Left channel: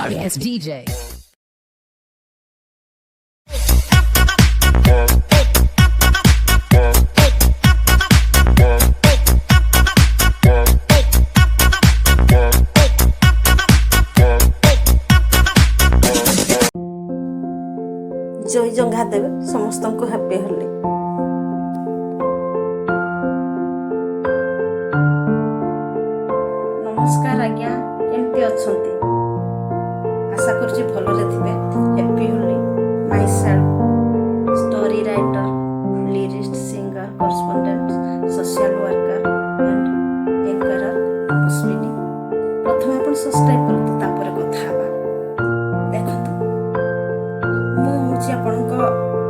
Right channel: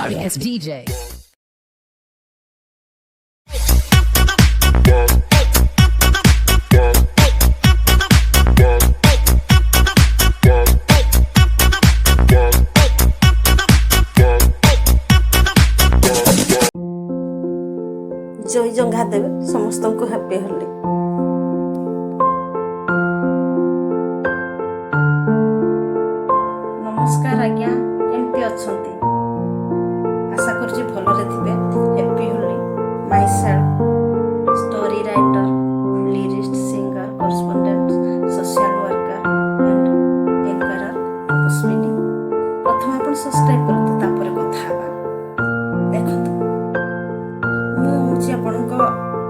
sorry ass DJ. ଜୟ ଜଙ୍ଘା ଦେବେ ସମସ୍ତଙ୍କୁ happy Holi. ନମସ୍କାର ଆଜ୍ଞା, କେମିତି ଅଛନ୍ତି? ଆଶା କରୁଛି ଭଲରେ ଥିବେ। Happy Holi. Myself story writer, lyricist, singer, correspondent, social worker and ଏଙ୍କରର ପୁଷ୍ପିନୀ। ପ୍ରଥମେ ଆପଣ ସବସ୍କ୍ରାଇବ୍ କରନ୍ତୁ, ତାପରେ କଥା ହେବା। ଦେଖନ୍ତୁ, ମୁଁ ହେଉଛି ଆପଣଙ୍କ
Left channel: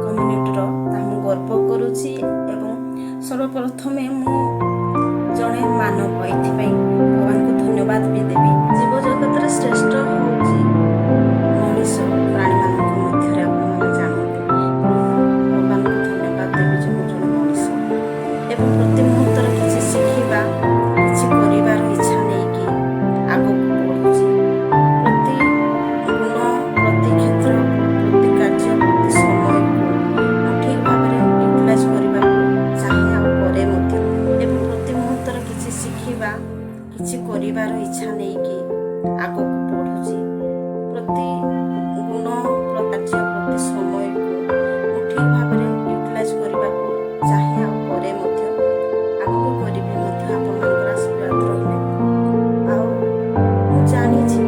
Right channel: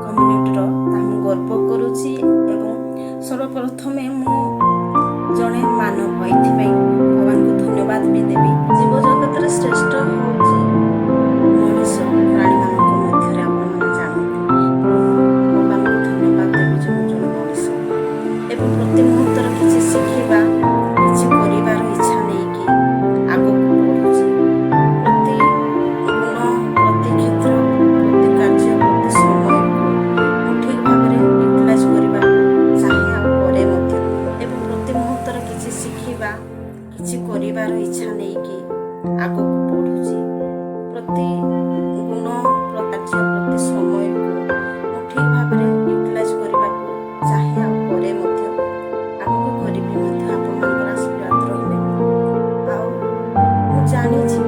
କମ୍ୟୁନିଟିର, ତାହା ମୁଁ ଗର୍ବ କରୁଛି ଏବଂ ସର୍ବପ୍ରଥମେ ମୁଁ ଜଣେ ମାନବ, ଏଥିପାଇଁ ଭଗବାନଙ୍କୁ ଧନ୍ୟବାଦ ବି ଦେବି। ଜୀବଜଗତରେ ଶ୍ରେଷ୍ଠ ହେଉଛି ମଣିଷ, ପ୍ରାଣୀମାନଙ୍କ ମଧ୍ୟରେ ଆପଣମାନେ ଜାଣନ୍ତି। ଭଗବାନଙ୍କୁ ଧନ୍ୟବାଦ ଦେବି ଯେ ମୁଁ ଜଣେ ମଣିଷ ଏବଂ ପ୍ରତି ମୁହୂର୍ତ୍ତରେ କିଛି ଶିଖିବା, କିଛି କରିବାର ଇଚ୍ଛା ନେଇକି ଆଗକୁ ବଢ଼ୁଛି। ପ୍ରତି ଗୁଣ, ପ୍ରତି କ୍ଷେତ୍ର, ପ୍ରତି କାର୍ଯ୍ୟ, ପ୍ରତି ସମୟକୁ ମୁଁ ଠିକ୍ ଭାବରେ ୟୁଟିଲାଇଜ୍ କରିବାକୁ ଚାହେଁ ଆଉ କରେ ମଧ୍ୟ। ଏବଂ ପ୍ରତି ମୁହୂର୍ତ୍ତରେ କିଛି ଶିଖିବା, କିଛି କରିବାର ଇଚ୍ଛା ନେଇକି ଆଗକୁ ବଢ଼ୁଛି। ପ୍ରତି ଗୁଣ, କାର୍ଯ୍ୟ, ପ୍ରତି ସମୟକୁ ମୁଁ ଠିକ୍ ଭାବରେ ୟୁଟିଲାଇଜ୍ କରିବାକୁ ଚାହେଁ ଆଉ କରେ ମଧ୍ୟ। ଆଗକୁ କରିବି ମଧ୍ୟ ଆପଣମାନଙ୍କର ଆଶୀର୍ବାଦ ରହିଲେ। ଆଉ ମୁଁ ଜାଣିଛି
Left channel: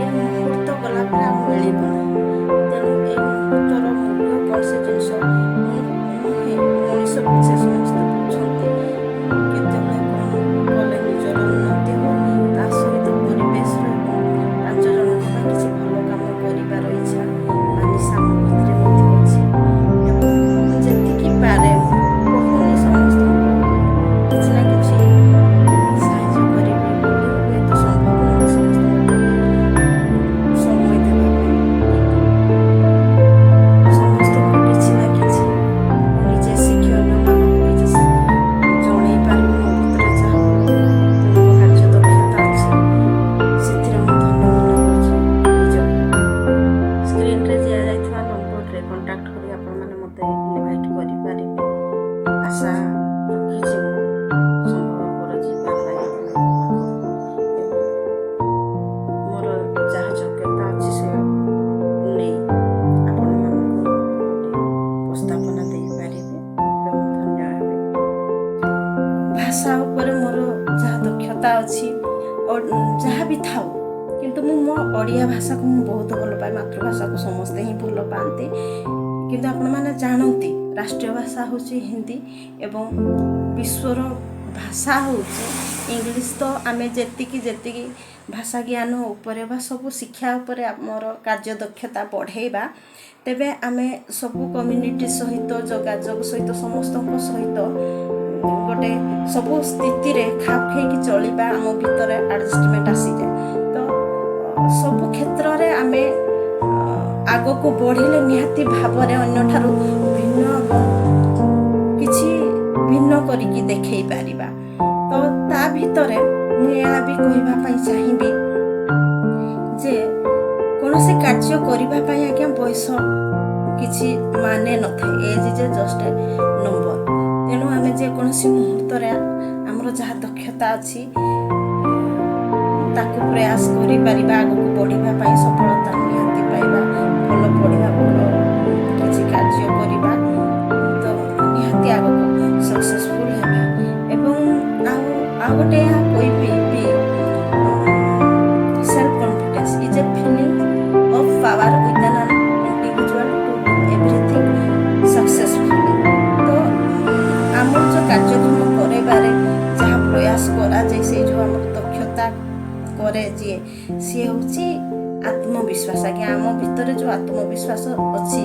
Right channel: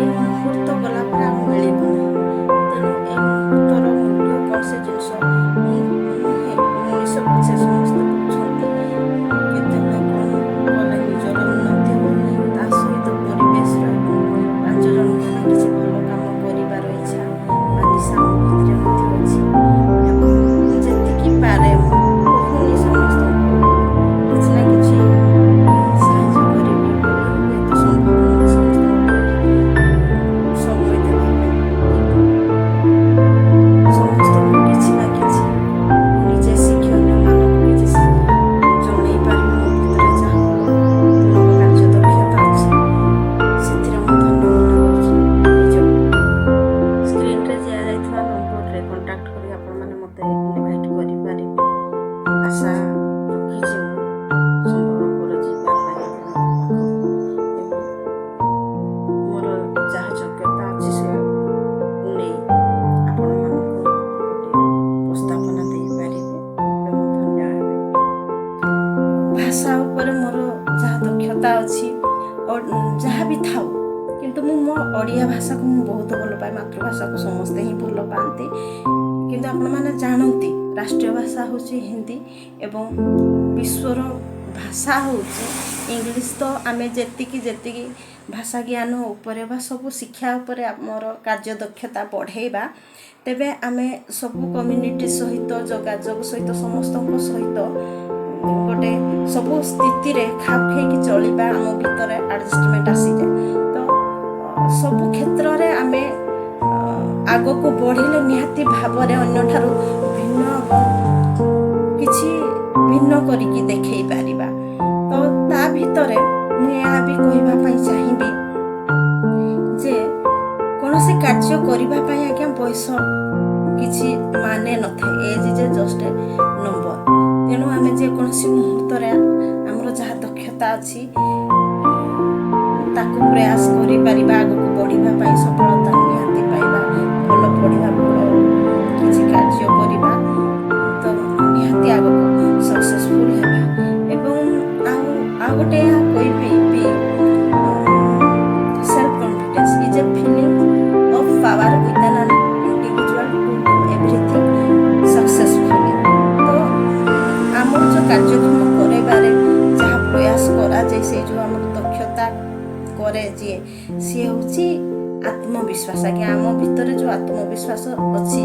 ଏ ମୁହୂର୍ତ୍ତ ଗଲା ପରେ ଆଉ ମିଳିବ ନାହିଁ। ତେଣୁ ଏ ମୁହୂର୍ତ୍ତର ମୂଲ୍ୟ କ'ଣ, ସେ ଜିନିଷ ନୁହେଁ, ମଣିଷ ପିଛେ ସମସ୍ତେ ବୁଝନ୍ତି। କେତେବେଳେ କ'ଣ କଲେ ନିଜର ଉନ୍ନତି ହେବ, ତା ସହିତ ପରିବେଶର ଏବଂ 5 ଜଣଙ୍କ ପାଇଁ କିଛି ଭଲ କାମ କରିବାର ଇଚ୍ଛା ବା ନିଶା ମୋ ଭିତରେ ମଧ୍ୟ ଅଛି। ଏବଂ ମୁଁ ଯେତିକି ପାରେ, ମୁଁ କହୁନି ସମସ୍ତଙ୍କୁ କିଛି ନା କିଛି ସାହାଯ୍ୟ କରିବି ବୋଲି, ହୁଏତ ସମ୍ଭବ ନୁହେଁ ସମସ୍ତଙ୍କ ପ୍ରତି ସମୟ ଦେବା ପାଇଁ, ସମସ୍ତଙ୍କୁ କିଛି ନା କିଛି ମୁଁ ନିଜେ ଶିଖି ଅନ୍ୟମାନଙ୍କୁ କିଛି ଜଣେଇ ପାରିବି। ମୋ ଭିତରେ ଯାହା ଗୁଣ କାର୍ଯ୍ୟ ଦକ୍ଷତା ଅଛି, ସେଥିରେ ମୁଁ ଧନ୍ୟ ମନେ କରୁଛି ନିଜକୁ। ସ୍କ୍ରିନ୍ରେ ଦିଆଯାଇଥିବା ନମ୍ବରରେ କଣ୍ଟାକ୍ଟ କରି ଆପଣମାନେ ମୋତେ ଇନଭାଇଟ୍ କରିପାରିବେ। ଆଶା ରଖିଛି ମୁଁ ସମ୍ଭବପର ଯିବା ପାଇଁ ଆପଣଙ୍କ ପାଖକୁ ଏବଂ ମୋର ଯାହା ଯୋଗ୍ୟତା ଅଛି ସେ ନେଇ ଆପଣମାନଙ୍କୁ ଗୋଟେ ଉପସ୍ଥାପନା ଦେଇପାରିବେ ଏବଂ ଧନ୍ୟ ହେବେ। ଭାଷା ଉପରେ ମୋର ଯାହା ଦକ୍ଷତା ଅଛି, ଯାହା ବି ଥାଉ, କିନ୍ତୁ ମୁଁ ମୋ ଓଡ଼ିଆ ଭାଷାକୁ ମୁଁ ବହୁତ ଭଲ ପାଏ। ମାତୃଭାଷାକୁ ସମସ୍ତେ ହିଁ ଭଲ ପାଆନ୍ତି, କିନ୍ତୁ ଆପଣମାନେ ଜାଣନ୍ତି ରାଷ୍ଟ୍ରୀୟ ଭାଷା ହେଉଛି ହିନ୍ଦୀ ଏବଂ ବିଶ୍ୱର ଭାଷା ହେଉଛି ଇଂଲିଶ। ତ ଆମେ ଯେତିକି ଭାଷା ଜ୍ଞାନ ଉପରେ ବା ସବୁ ଶିକ୍ଷା ଉପରେ ଆମର କାର୍ଯ୍ୟ ଦକ୍ଷତା ବଢ଼େଇବା, ତେବେ ଆମେ ସବୁ କମ୍ୟୁନିଟି ସହିତ, ଯୋଗାଯୋଗ ସହିତ, ସମସ୍ତଙ୍କ ସହିତ ଗୋଟେ ସବୁ ସ୍ଥିତିରେ ଖାପ ଖାଇକି ଚଳିବା, ଆମ ଭିତରେ ଆଡ଼ଜଷ୍ଟମେଣ୍ଟ ଆସିଯାଏ। ତ ସବୁ କ୍ଷେତ୍ରରେ ଆମେ ଆଗକୁ ବଢ଼ିଲେ ନିହାତି ଭାବରେ ଅନ୍ୟଠାରୁ ଭିନ୍ନ ଏବଂ କିଛି ଭିନ୍ନ କରିକି ଦେଖେଇ ପାରିବା। ତ ତା ଭିତରେ ମୁଁ ଏହା ବି କହିବା ପାଇଁ ଚାହିଁବି ଯେ କୌଣସି କାର୍ଯ୍ୟ କରିବା ପାଇଁ ଆଜ୍ଞା ବୟସ କିଛି ମାନେ ନଥାଏ। Age is just a number. ତେଣୁ ଆମେ ଯେକୌଣସି ମୁହୂର୍ତ୍ତରେ ଆମର ଯାହା ଦକ୍ଷତା ଅଛି ତାକୁ ପ୍ରୟାସ କରିପାରିବା, ଆଗକୁ ବଢ଼ିବା ପାଇଁ, ସଫଳତା ନିହାତି ପାଇବା, ଭଲ ପଢ଼ିବା, ଭଲ କିଛି କାର୍ଯ୍ୟ କରିବା, ତ ନିହାତି ଆଗକୁ ସକ୍ସେସଫୁଲ୍ ହେବା। ଏବଂ ଆଉ ଗୋଟେ ଏହା କହିବି ବି, self confidence is a feeling of power within an individual to do everything successfully. ତ ଆମର ଯେଉଁ କାର୍ଯ୍ୟକ୍ରମ କରାଇବାରେ ଯାହା ପ୍ରୟାସ କରାଯାଏ, ସେଇ ଯେଉଁ ଆମର ଦକ୍ଷତା କରେ ଯିଏ, ସିଏ ହେଉଛି ଆତ୍ମବିଶ୍ୱାସ। ଆଜ୍ଞା, ଆମ ଭିତରେ ଯେଉଁ ଆତ୍ମବିଶ୍ୱାସ ଅଛି,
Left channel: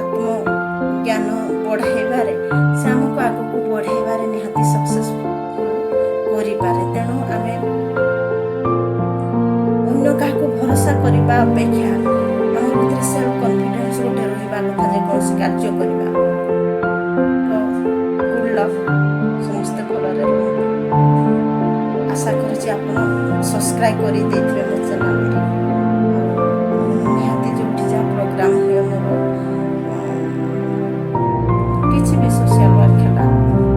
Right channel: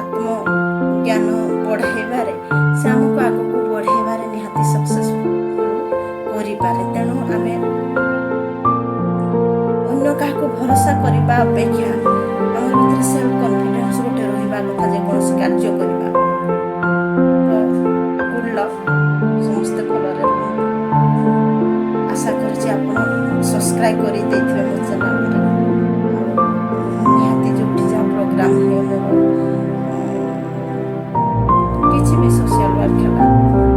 ଆତ୍ମଜ୍ଞାନ ବଢ଼ାଇବାରେ, ସେ ଆମକୁ ଆଗକୁ ବଢ଼ାଇବାରେ ନିହାତି ସକ୍ସେସଫୁଲ୍ କରିପାରେ। ତେଣୁ ଆମେ ଅନ୍ୟ କାହାକୁ ଭରସା କରିବା ଅପେକ୍ଷା ଆମ ଭିତରେ ସେଲ୍ଫ କନଫିଡେନ୍ସ ଗୋଟେ ରହିବା କଥା, ଯେକୌଣସି କାର୍ଯ୍ୟ କରିବା। ତ ଗୁଡ୍ ଲକ୍, ସମସ୍ତେ ଭଲରେ ରୁହନ୍ତୁ। आशा करुँच आपण सब्सक्राइब कर देथिबे मो चैनल टी निहाती जो जहाँ प्रोग्राम हुए मोर किसी भी सोशल वर्क है